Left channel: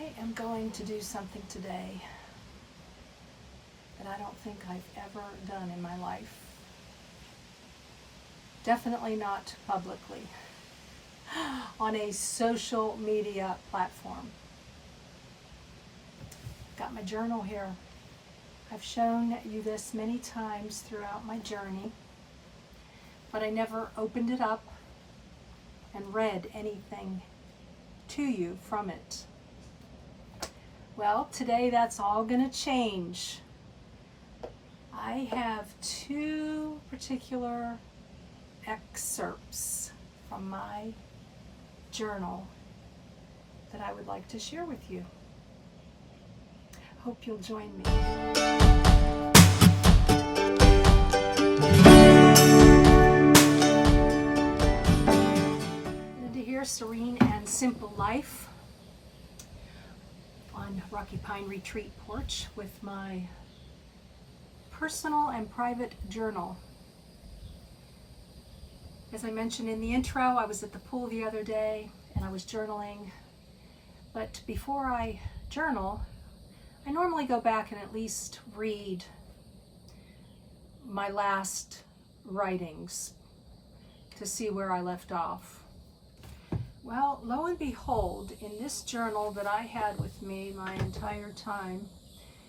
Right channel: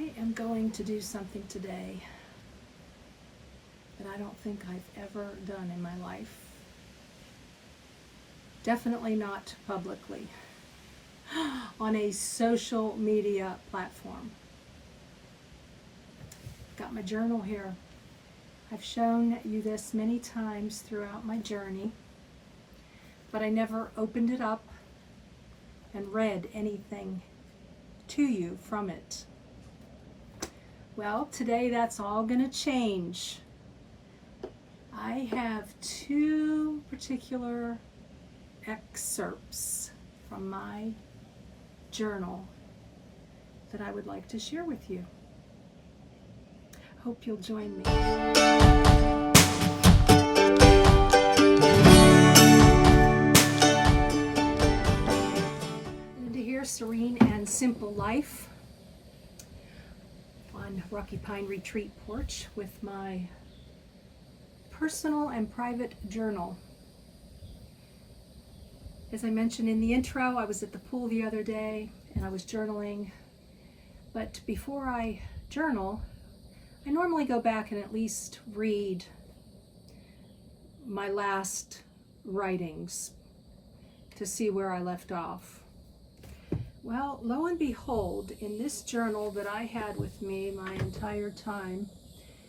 I am going to do something today that I don't think I've ever done in my life. Definitely not publicly, on a social media platform. Got my journal here. I've shown you this many times throughout my journey, but I never opened it up and read anything to you from it. Well, today that's all going to change. I have two particular excerpts from my journal that I would like to share with you. Hope you'll join me. And to hear Serene and Simple Life on Rocky Pine Retreat porch with my personal and private journal. As I mentioned in the intro, I was at the pool the other day and I was journaling. But before I journal, I normally go back and at least read my last writings to see where I left off. Well, lo and behold, in this journal that I had with me my entire time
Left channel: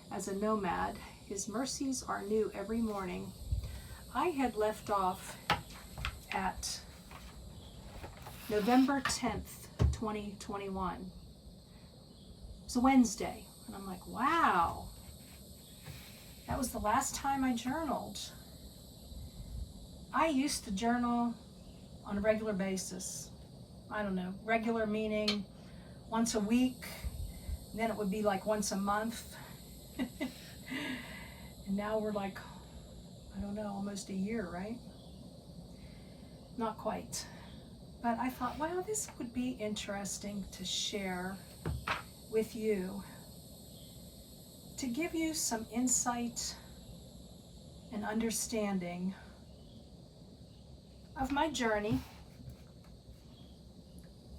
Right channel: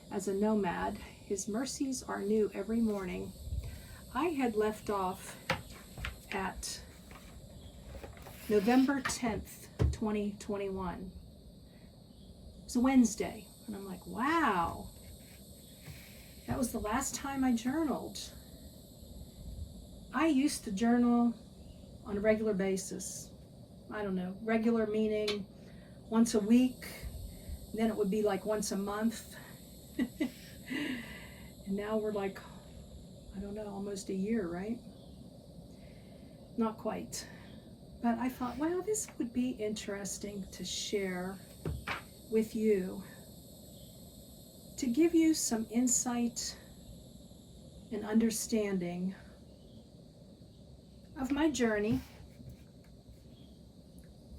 as a nomad, His mercies are new every morning, I had left off at November 10th, 2021. It was a Wednesday, and I'm like, wow, that was the last time I journaled. I used to journal on a regular basis. I don't know, regular meaning once a week, then it would be like once a month. And now we're like, I don't know, almost a year, right? Not quite. But I thought, wow, this would be interesting to share with you, to give you some insight and understanding of my journey,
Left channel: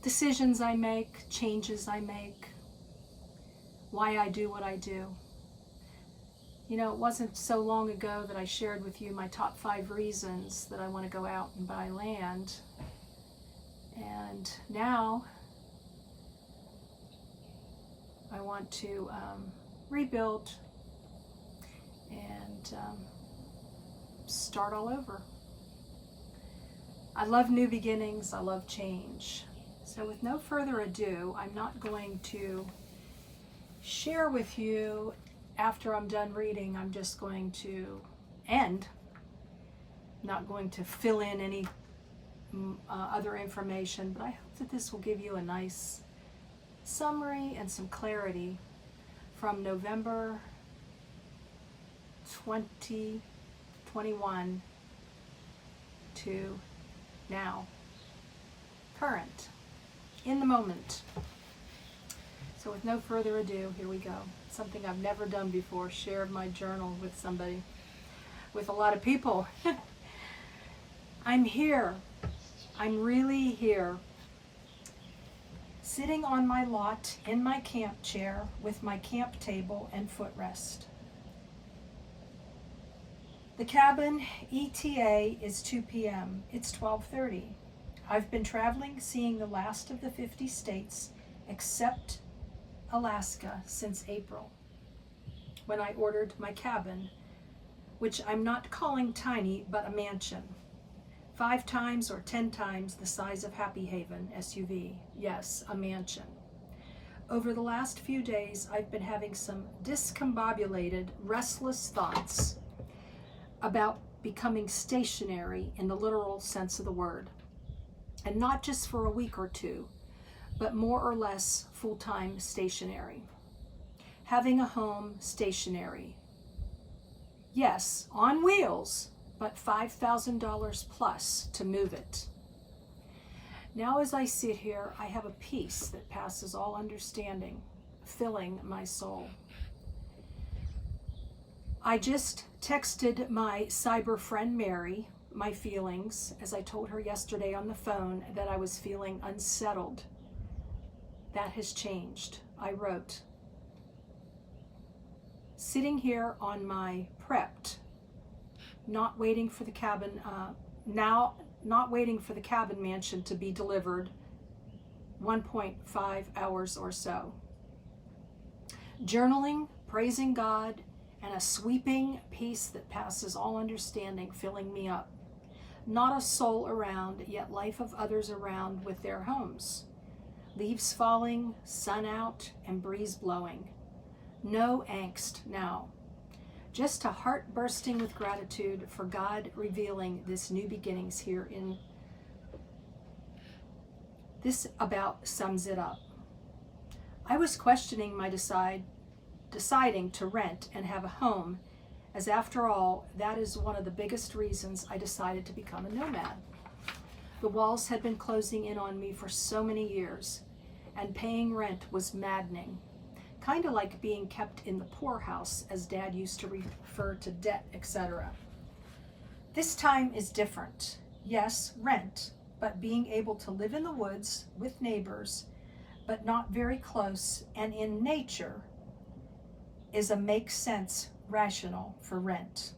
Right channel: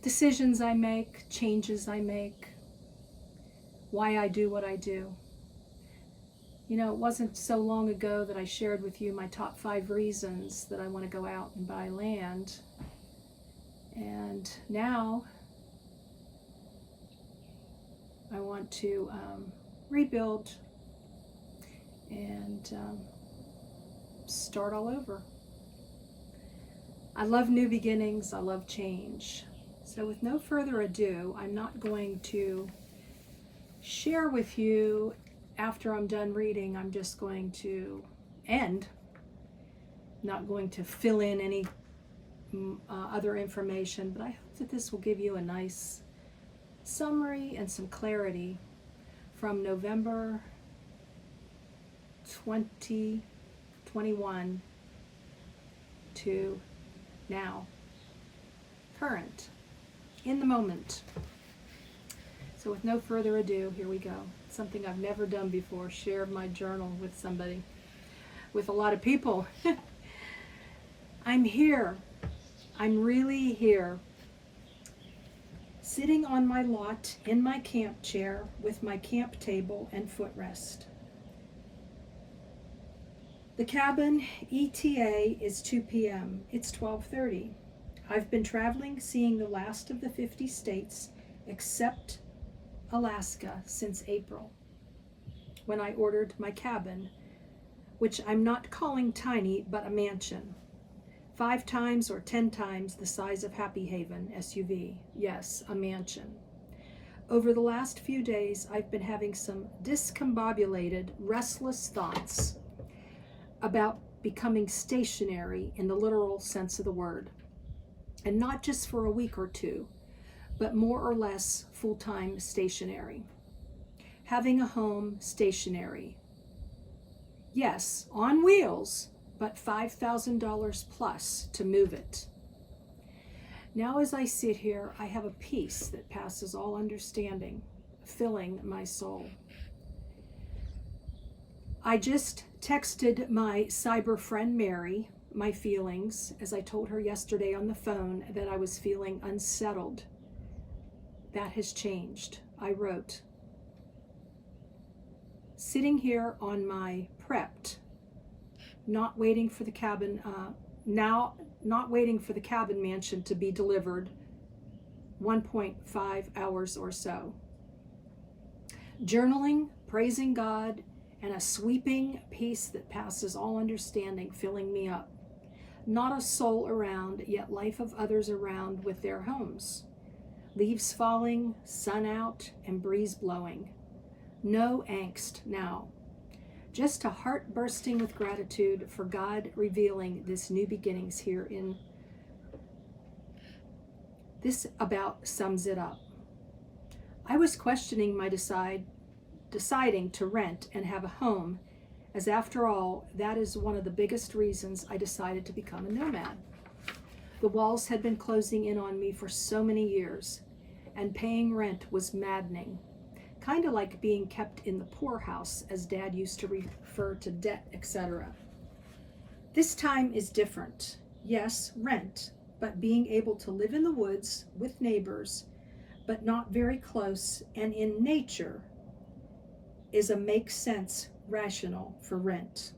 decisions I make, changes I make, why I do what I do. You know, it wasn't so long ago that I shared with you my top 5 reasons that I want to go out and buy land. And now I want to rebuild and start all over. I love new beginnings. I love change. So with no further ado, I'm not going to share with you after I'm done reading. I'm just going to end, not going to fill in any other information, but I hope that this will give you a nice summary and some clarity from November 2021 to now, current, in the moment. So with no further ado, here we go. Something I've never done before, shared my journal with somebody, with a lot of people. I'm here. I'm really here. Sitting on my lot in my camp chair with my camp table and footrest. The cabin ETA is 2 p.m. It's 12:30. I've been traveling, seeing the last of the 50 states, except Alaska, since April, when I ordered my cabin, which I'm not calling tiny, but a mansion. 5 times or 10 times the size of Happy Haven SUV. Yes, a mansion. Over the last few days, I've been having some discombobulated, restless thoughts about becoming stationary in the literal sense of the word. And not just for a week or two, but more or less full-time stationary. Having a home stationary. Yes, on wheels, but $5,000 plus to move it. Now as I sit here, I have a peace that passes all understanding, filling my soul. I just texted my cyber friend Mary my feelings, as I told her yesterday on the phone that I was feeling unsettled. That has changed. I wrote, sitting here on my prepped, not waiting for the cabin mansion to be delivered 1.5 hours or so. Journaling, praising God, and a sweeping peace that passes all understanding filling me up. Not a soul around, yet life of others around with their homes. Leaves falling, sun out, and breeze blowing. No angst now. Just a heart bursting with gratitude for God revealing this new beginnings here in. This about sums it up. I was questioning my deciding to rent and have a home, as after all, that is one of the biggest reasons I decided to become a nomad. The walls had been closing in on me for so many years, and paying rent was maddening. Kind of like being kept in the poorhouse, as Dad used to refer to debt, etc. This time is different. Yes, rent, but being able to live in the woods with neighbors, but not very close and in nature, is a makes sense rational for rent.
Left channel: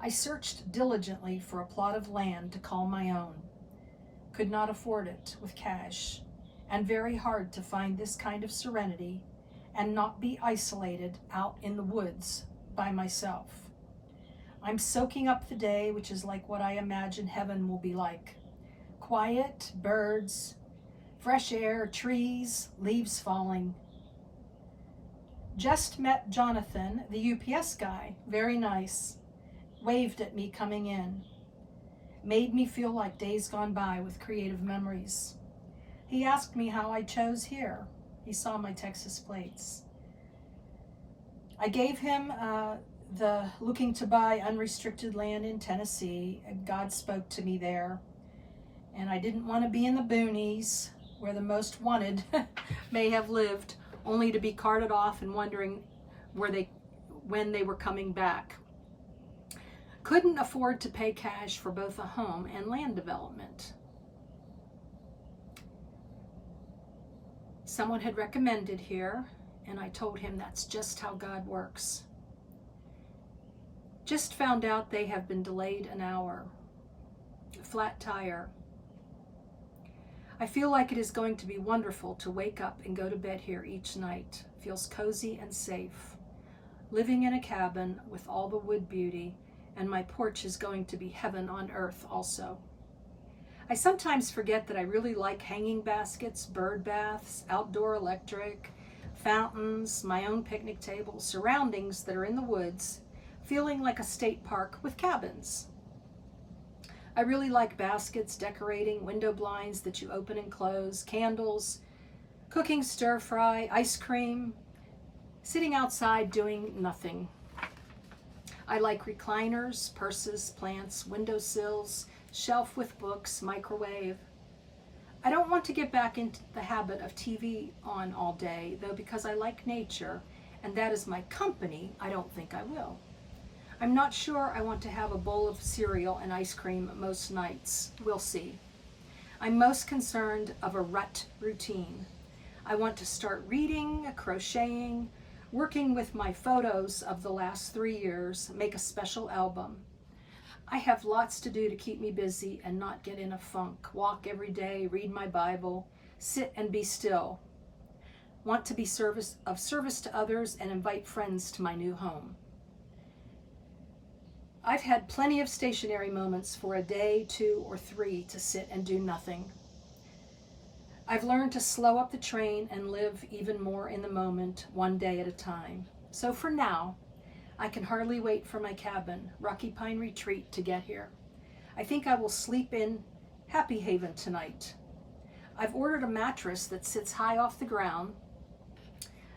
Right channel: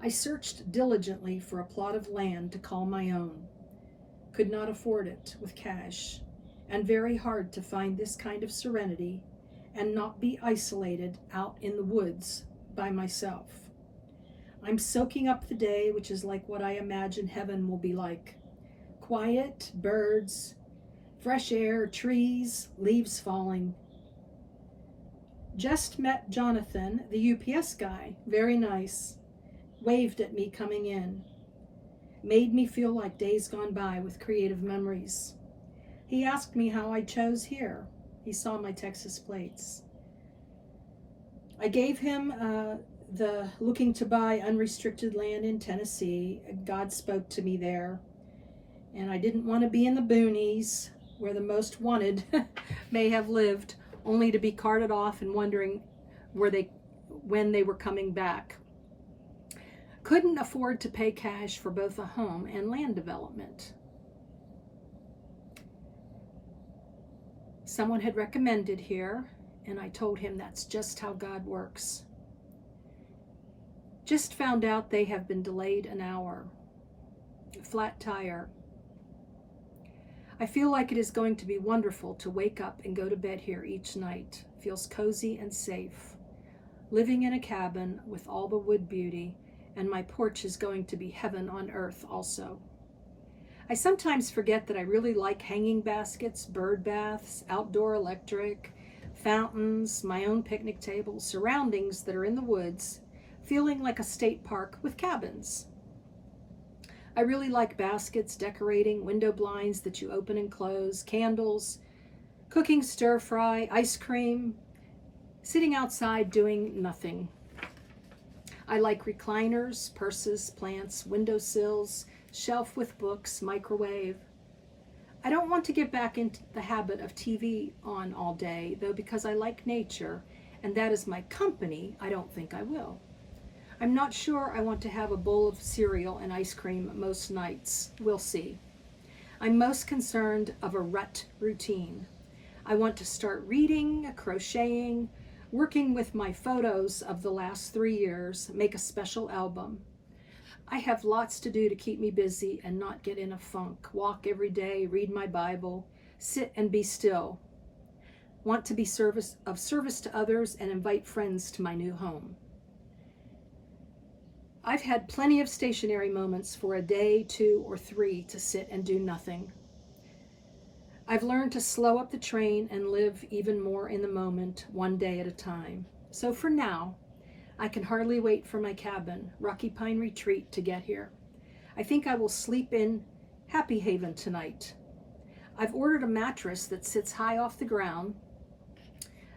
I searched diligently for a plot of land to call my own. Could not afford it with cash, and very hard to find this kind of serenity and not be isolated out in the woods by myself. I'm soaking up the day, which is like what I imagine heaven will be like. Quiet, birds, fresh air, trees, leaves falling. Just met Jonathan, the UPS guy, very nice. Waved at me coming in. Made me feel like days gone by with creative memories. He asked me how I chose here. He saw my Texas plates. I gave him the looking to buy unrestricted land in Tennessee. God spoke to me there. And I didn't want to be in the boonies where the most wanted may have lived, only to be carted off and wondering when they were coming back. Couldn't afford to pay cash for both a home and land development. Someone had recommended here, and I told him that's just how God works. Just found out they have been delayed an hour. Flat tire. I feel like it is going to be wonderful to wake up and go to bed here each night. Feels cozy and safe. Living in a cabin with all the wood beauty, and my porch is going to be heaven on earth also. I sometimes forget that I really like hanging baskets, bird baths, outdoor electric, fountains, my own picnic table, surroundings that are in the woods, feeling like a state park with cabins. I really like baskets, decorating, window blinds that you open and close, candles, cooking stir fry, ice cream, sitting outside doing nothing. I like recliners, purses, plants, windowsills, shelf with books, microwave. I don't want to get back into the habit of TV on all day, though, because I like nature, and that is my company. I don't think I will. I'm not sure I want to have a bowl of cereal and ice cream most nights. We'll see. I'm most concerned of a rut routine. I want to start reading, crocheting, working with my photos of the last 3 years, make a special album. I have lots to do to keep me busy and not get in a funk. Walk every day, read my Bible, sit and be still. Want to be of service to others and invite friends to my new home. I've had plenty of stationary moments for a day, 2, or 3 to sit and do nothing. I've learned to slow up the train and live even more in the moment, one day at a time. So for now, I can hardly wait for my cabin, Rocky Pine Retreat, to get here. I think I will sleep in Happy Haven tonight. I've ordered a mattress that sits high off the ground,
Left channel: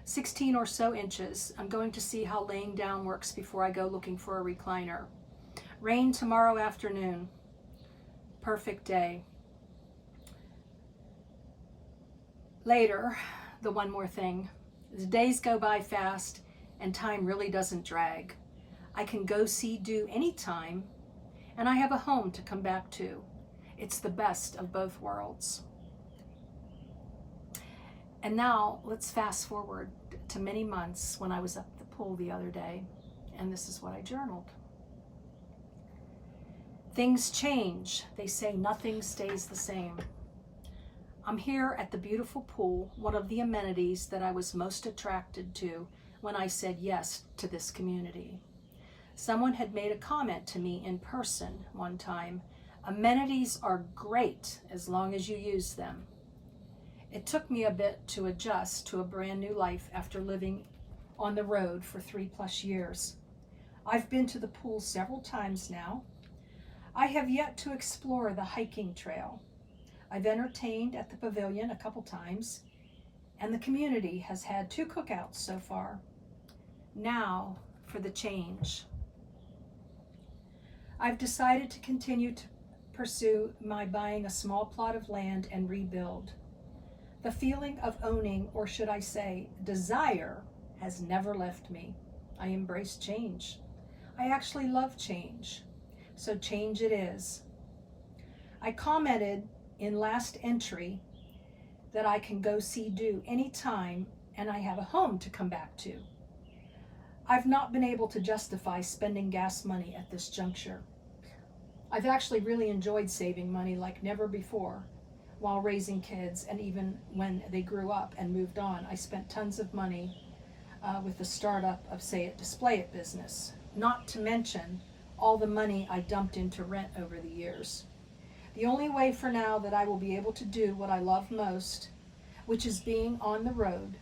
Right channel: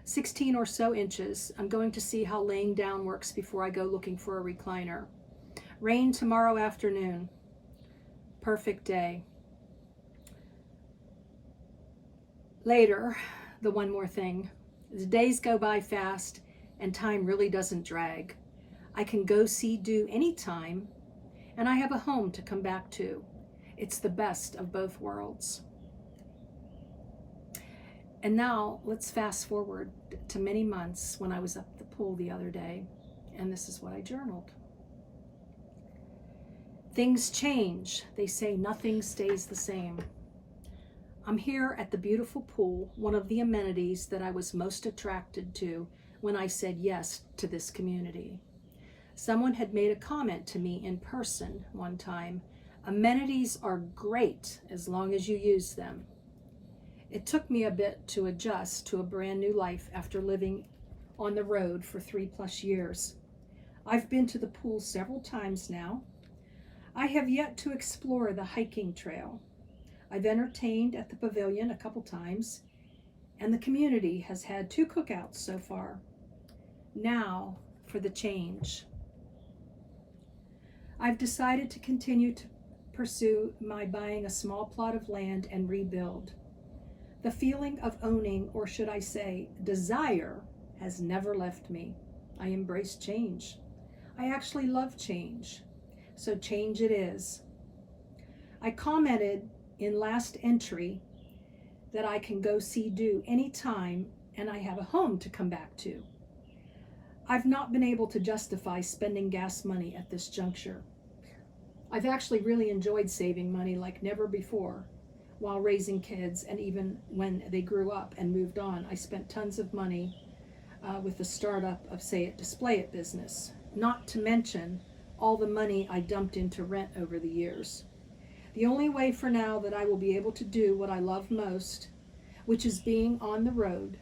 16 or so inches. I'm going to see how laying down works before I go looking for a recliner. Rain tomorrow afternoon. Perfect day. Later, the one more thing. The days go by fast and time really doesn't drag. I can go see do anytime, and I have a home to come back to. It's the best of both worlds. And now let's fast forward to many months when I was up at the pool the other day, and this is what I journaled. Things change. They say nothing stays the same. I'm here at the beautiful pool, one of the amenities that I was most attracted to when I said yes to this community. Someone had made a comment to me in person one time. Amenities are great as long as you use them. It took me a bit to adjust to a brand new life after living on the road for 3+ years. I've been to the pool several times now. I have yet to explore the hiking trail. I've entertained at the pavilion a couple times, and the community has had 2 cookouts so far. Now for the change. I've decided to continue to pursue my buying a small plot of land and rebuild. The feeling of owning, or should I say, desire, has never left me. I embrace change. I actually love change. So change it is. I commented in last entry that I can go see do anytime and I have a home to come back to. I've not been able to justify spending gas money at this juncture. I've actually really enjoyed saving money like never before while raising kids, and even when they grew up and moved on. I spent tons of money with the startup of Say It, Display It business, not to mention all the money I dumped into rent over the years. The only way for now that I will be able to do what I love most, which is being on the road,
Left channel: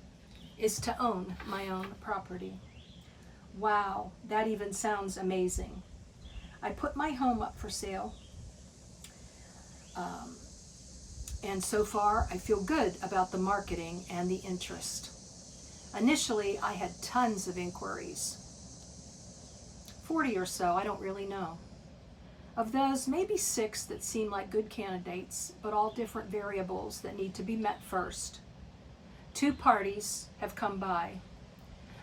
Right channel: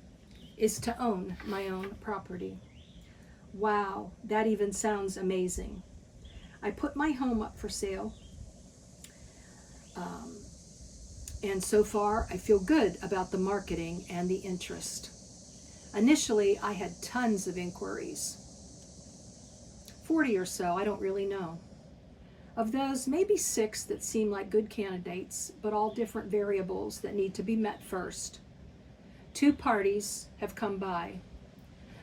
is to own my own property. Wow, that even sounds amazing. I put my home up for sale, and so far I feel good about the marketing and the interest. Initially, I had tons of inquiries, 40 or so, I don't really know. Of those, maybe 6 that seem like good candidates, but all different variables that need to be met first. 2 parties have come by.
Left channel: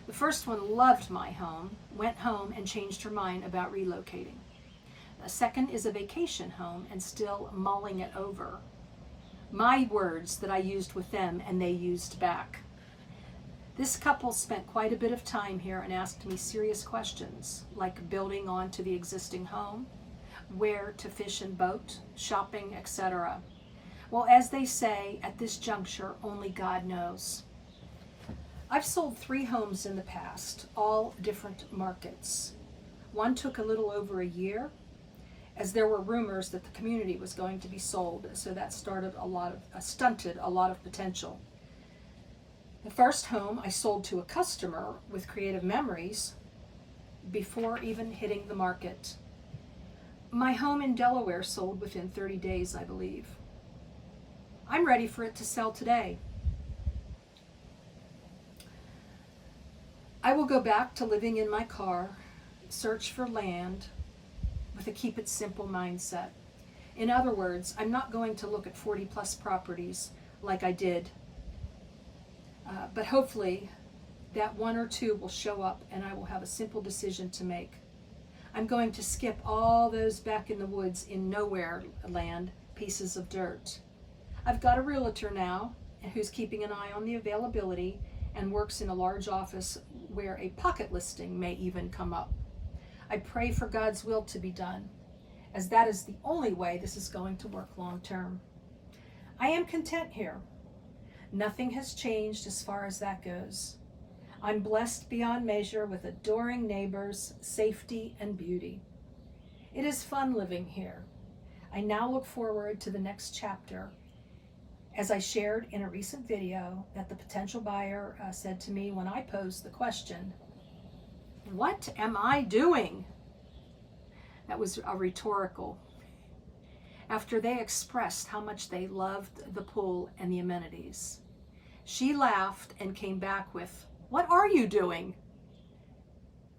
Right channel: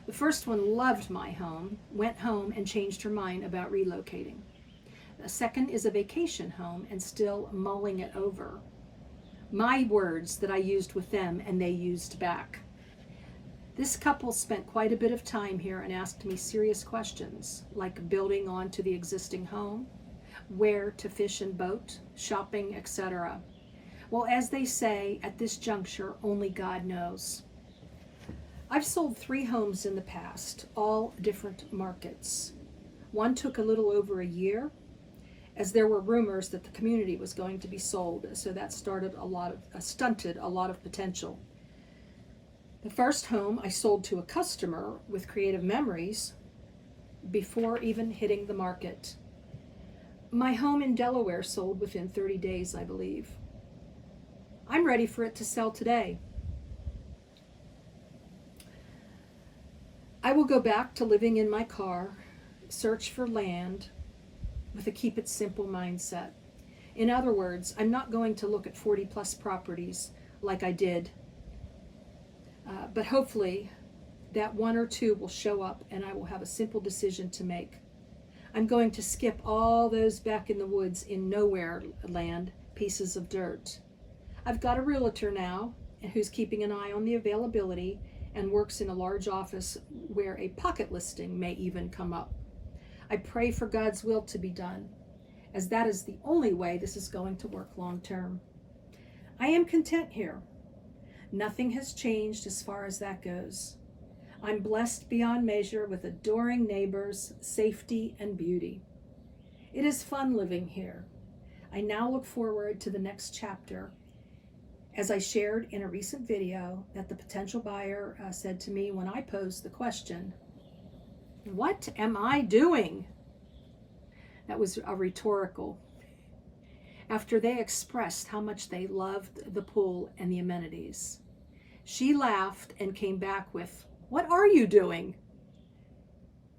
The first one loved my home, went home and changed her mind about relocating. The second is a vacation home and still mulling it over. My words that I used with them and they used back. This couple spent quite a bit of time here and asked me serious questions, like building onto the existing home, where to fish and boat, shopping, etc. Well, as they say, at this juncture, only God knows. I've sold 3 homes in the past, all different markets. One took a little over a year, as there were rumors that the community was going to be sold, so that stunted a lot of potential. The first home I sold to a customer with creative memories before even hitting the market. My home in Delaware sold within 30 days, I believe. I'm ready for it to sell today. I will go back to living in my car, search for land with a keep it simple mindset. In other words, I'm not going to look at 40+ properties like I did, but hopefully that 1 or 2 will show up and I will have a simple decision to make. I'm going to skip all those back in the woods in nowhere land pieces of dirt. I've got a realtor now who's keeping an eye on the availability and works in a large office where a pocket listing may even come up. I pray for God's will to be done, as that is the only way this is going to work long term. I am content here. Nothing has changed as far as that goes. I'm blessed beyond measure with adoring neighbors, safety, and beauty. It is fun living here. I now look forward to the next chapter. As I shared in a recent video that the potential buyer said to me when I posed the question, "What am I doing?" That was a rhetorical. After they expressed how much they loved the pool and the amenities. She laughed and came back with, "What are you doing?"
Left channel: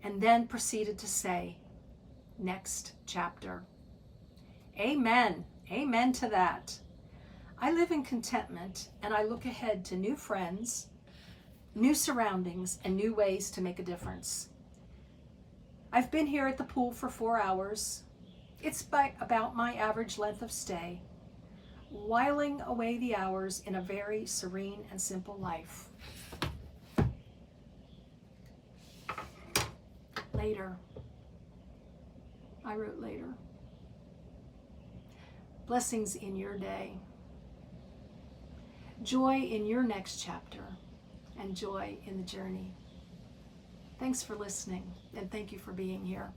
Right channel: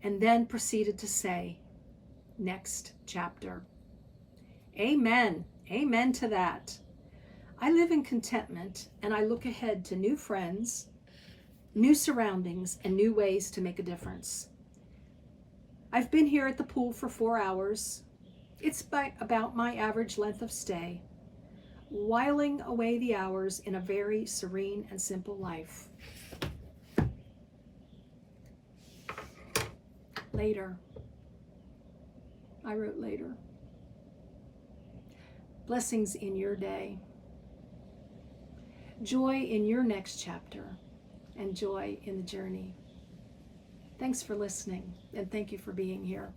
And then proceeded to say, "Next chapter." Amen. Amen to that. I live in contentment and I look ahead to new friends, new surroundings, and new ways to make a difference. I've been here at the pool for 4 hours. It's about my average length of stay. whiling away the hours in a very serene and simple life. Later. I wrote later. Blessings in your day. Joy in your next chapter, and joy in the journey. Thanks for listening, and thank you for being here.